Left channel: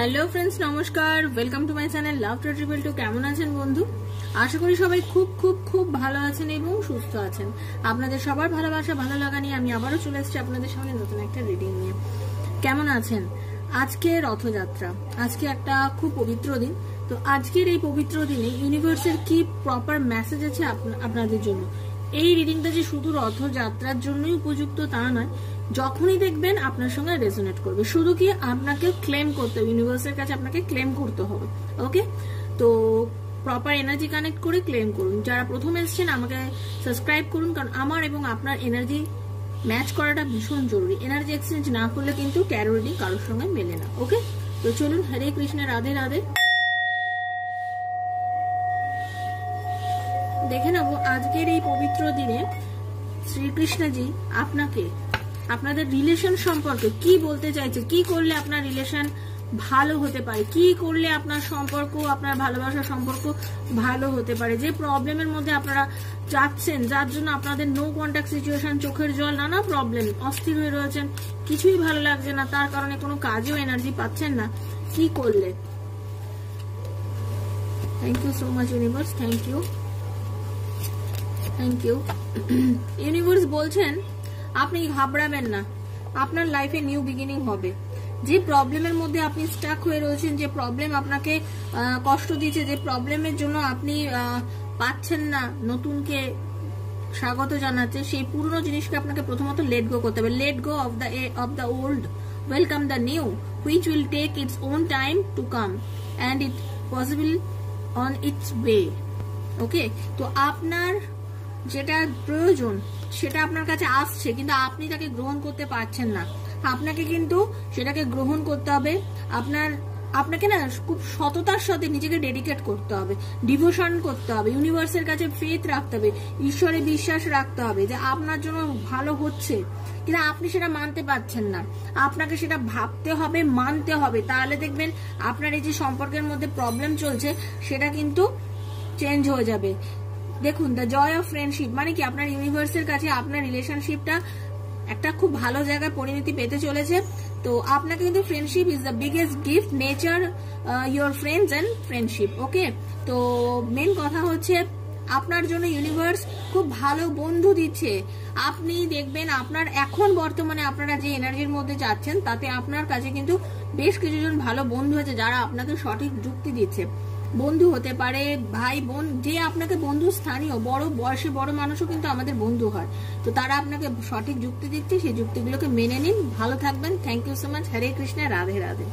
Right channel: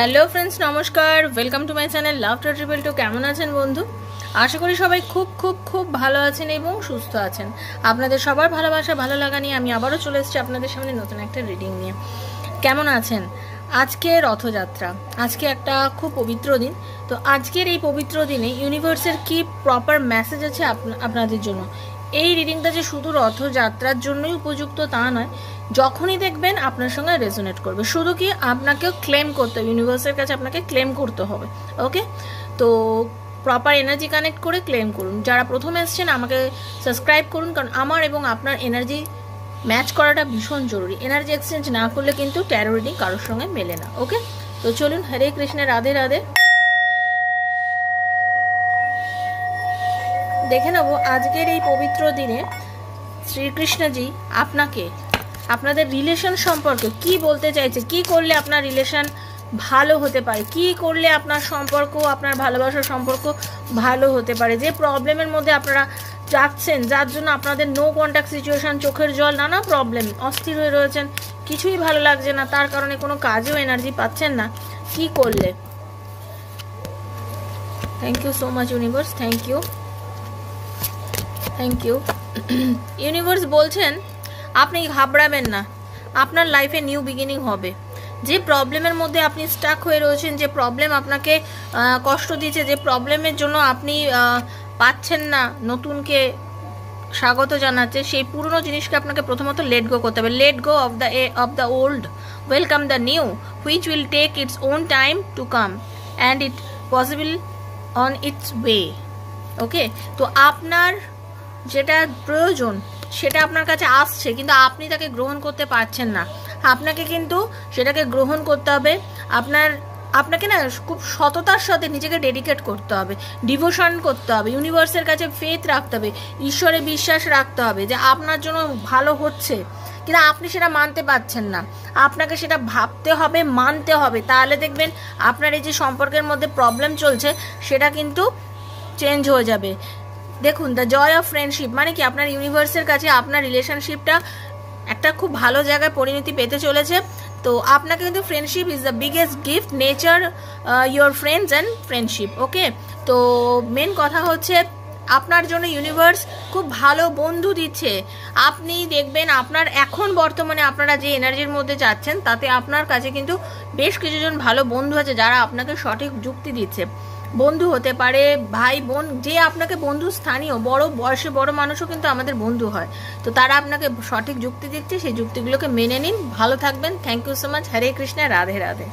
Hello friends, নমস্কার। Welcome to my channel love triple two. কেমন আছেন বন্ধু? আশা করি সবাই খুব খুব খুব ভালো আছেন এবং সুস্থ আছেন। আপনাদের সবার ভালোবাসা ভালো লাগা নিয়ে আমি আবারও চলে এসেছি আপনাদের সামনে নতুন একটা রিডিং নিয়ে। কেমন আছেন? আজকে রথযাত্রা, আজকে একটা খুব পবিত্র দিন। তো আজকের এই পবিত্র দিনে ইউনিভার্সের কি প্রপার মেসেজ আছে আপনাদের জন্য। এই রিডিংটা যে শুধু রথযাত্রার জন্যই উপযুক্ত তা নয়, যখনই দেখবেন আপনার সঙ্গে রেজোনেট করবে। শুধু কি আপনাকেও ক্লেম করতে হবে, ইউনিভার্সের কাছে আপনাকে ক্লেম করতে হবে। ওকে, তো প্রপার এনার্জি কানেক্ট করে ক্লেম করুন। যারা প্রথম এসছেন আমাকে সাবস্ক্রাইব করুন, কারণ আমার এবং আপনার এনার্জি ম্যাচ করাটা ভীষণ জরুরি। এনার্জি এক্সচেঞ্জ না করলে কিন্তু ট্যারো রিডিং কারোর সঙ্গে মেলে না। ওকে, তো চলুন। হরে কৃষ্ণ, রাধে রাধে। দেখে নেব আজকের এই পবিত্র দিনে শ্রীকৃষ্ণজি আপনাকে আপনাদের রিলেশন সম্পর্কে কি বলতে চাইছে, কি করলে আপনার রিলেশন ভালো হতে পারে, কি করলে আপনার সম্পর্ক, আপনার ভালোবাসার সম্পর্ক ভালো হতে পারে। যে প্রবলেমের মধ্যে আপনারা যাচ্ছেন, যার জন্য আপনাদের নো কন্ট্যাক্ট সিচুয়েশন, চোখের জল, নানা প্রবলেম, অস্থির হয়ে রয়েছেন, কিছুই ভালো লাগছে না, তার কারণে কোনো কাজেও এনার্জি পাচ্ছেন না, কি করলে? Thank you so much universe, thank you, thank you. Universe বলছেন আপনি ঘাবড়াবেন না, আপনার লাইফে নিউ বিগিনিং হবে। যে প্রবলেমের মধ্যে আপনি স্টাক হয়ে রয়েছেন, যে প্রবলেম আপনাকে কষ্ট দিচ্ছে, যে প্রবলেমের জন্য আপনি পাচ্ছেন না নতুনকে স্বাগত জানাচ্ছে, সেই পুরনো জিনিসকে আপনাকে প্রথমত লেট গো করতে হবে। Let go of the old, welcome the new, which will take its own time to come and it possible on its way. Okay, তো আপনার যেটা প্রয়োজন সেটা আপনার কাছে আসছে, কিন্তু আপনি তাকে গ্রহণ করতে পারছেন না। আপনাকে কিন্তু সেটাকে গ্রহণ করতে হবে। আপনাকে না খুব সততার সাথে নিজেকে ডেডিকেট করতে হবে, ডিভোশন করতে হবে, ইউনিভার্সের কাছে ফেথ রাখতে হবে, ঈশ্বরে বিশ্বাস রাখতে হবে যে আপনার জন্য ভালো হচ্ছে, কিন্তু আপনি সেটা মানতে পারছেন না। আপনাকে সেটা ভাবতে হবে, মানতে হবে, তাহলে দেখবেন আপনার এই যে সম্পর্কের মধ্যে প্রবলেম চলছে সেটা কিন্তু চেঞ্জ হয়ে যাবে। দেখুন, দ্য জয় অফ ফ্রেন্ডশিপ মানে কি, আপনার ইউনিভার্সের কাছে আপনার রিলেশনশিপটা একটা খুব ভালো জায়গায় পরিণতি পেতে চলেছে। তো আপনাকে কিন্তু friendship is the biggest gift, nature your friends and friendship. Okay, তো মেন কথা হচ্ছে আপনার জন্য ইউনিভার্স খুব ভালো বন্ধু দিচ্ছে। আপনি দেখবেন আপনার এখন বর্তমানে আপনারা যে এনার্জির মধ্যে যাচ্ছেন তাতে আপনার কাছে কিন্তু বেশ কিছুজন ভালো বন্ধু আছে যারা আপনাকে সঠিক যুক্তি দিচ্ছে। বন্ধু হতে পারে, ভাই বোন, যে আপনাকে বন্ধু, স্থানীয় বড় বয়সে বড় মানুষও কিন্তু আমাদের বন্ধু হয়। তো তারা আপনাকে সঠিক যুক্তি দিচ্ছে, সেই যুক্তিগুলোকে মেনে নিন। ভালো থাকবেন। Thank you so much. Hare Krishna, Radhe Radhe.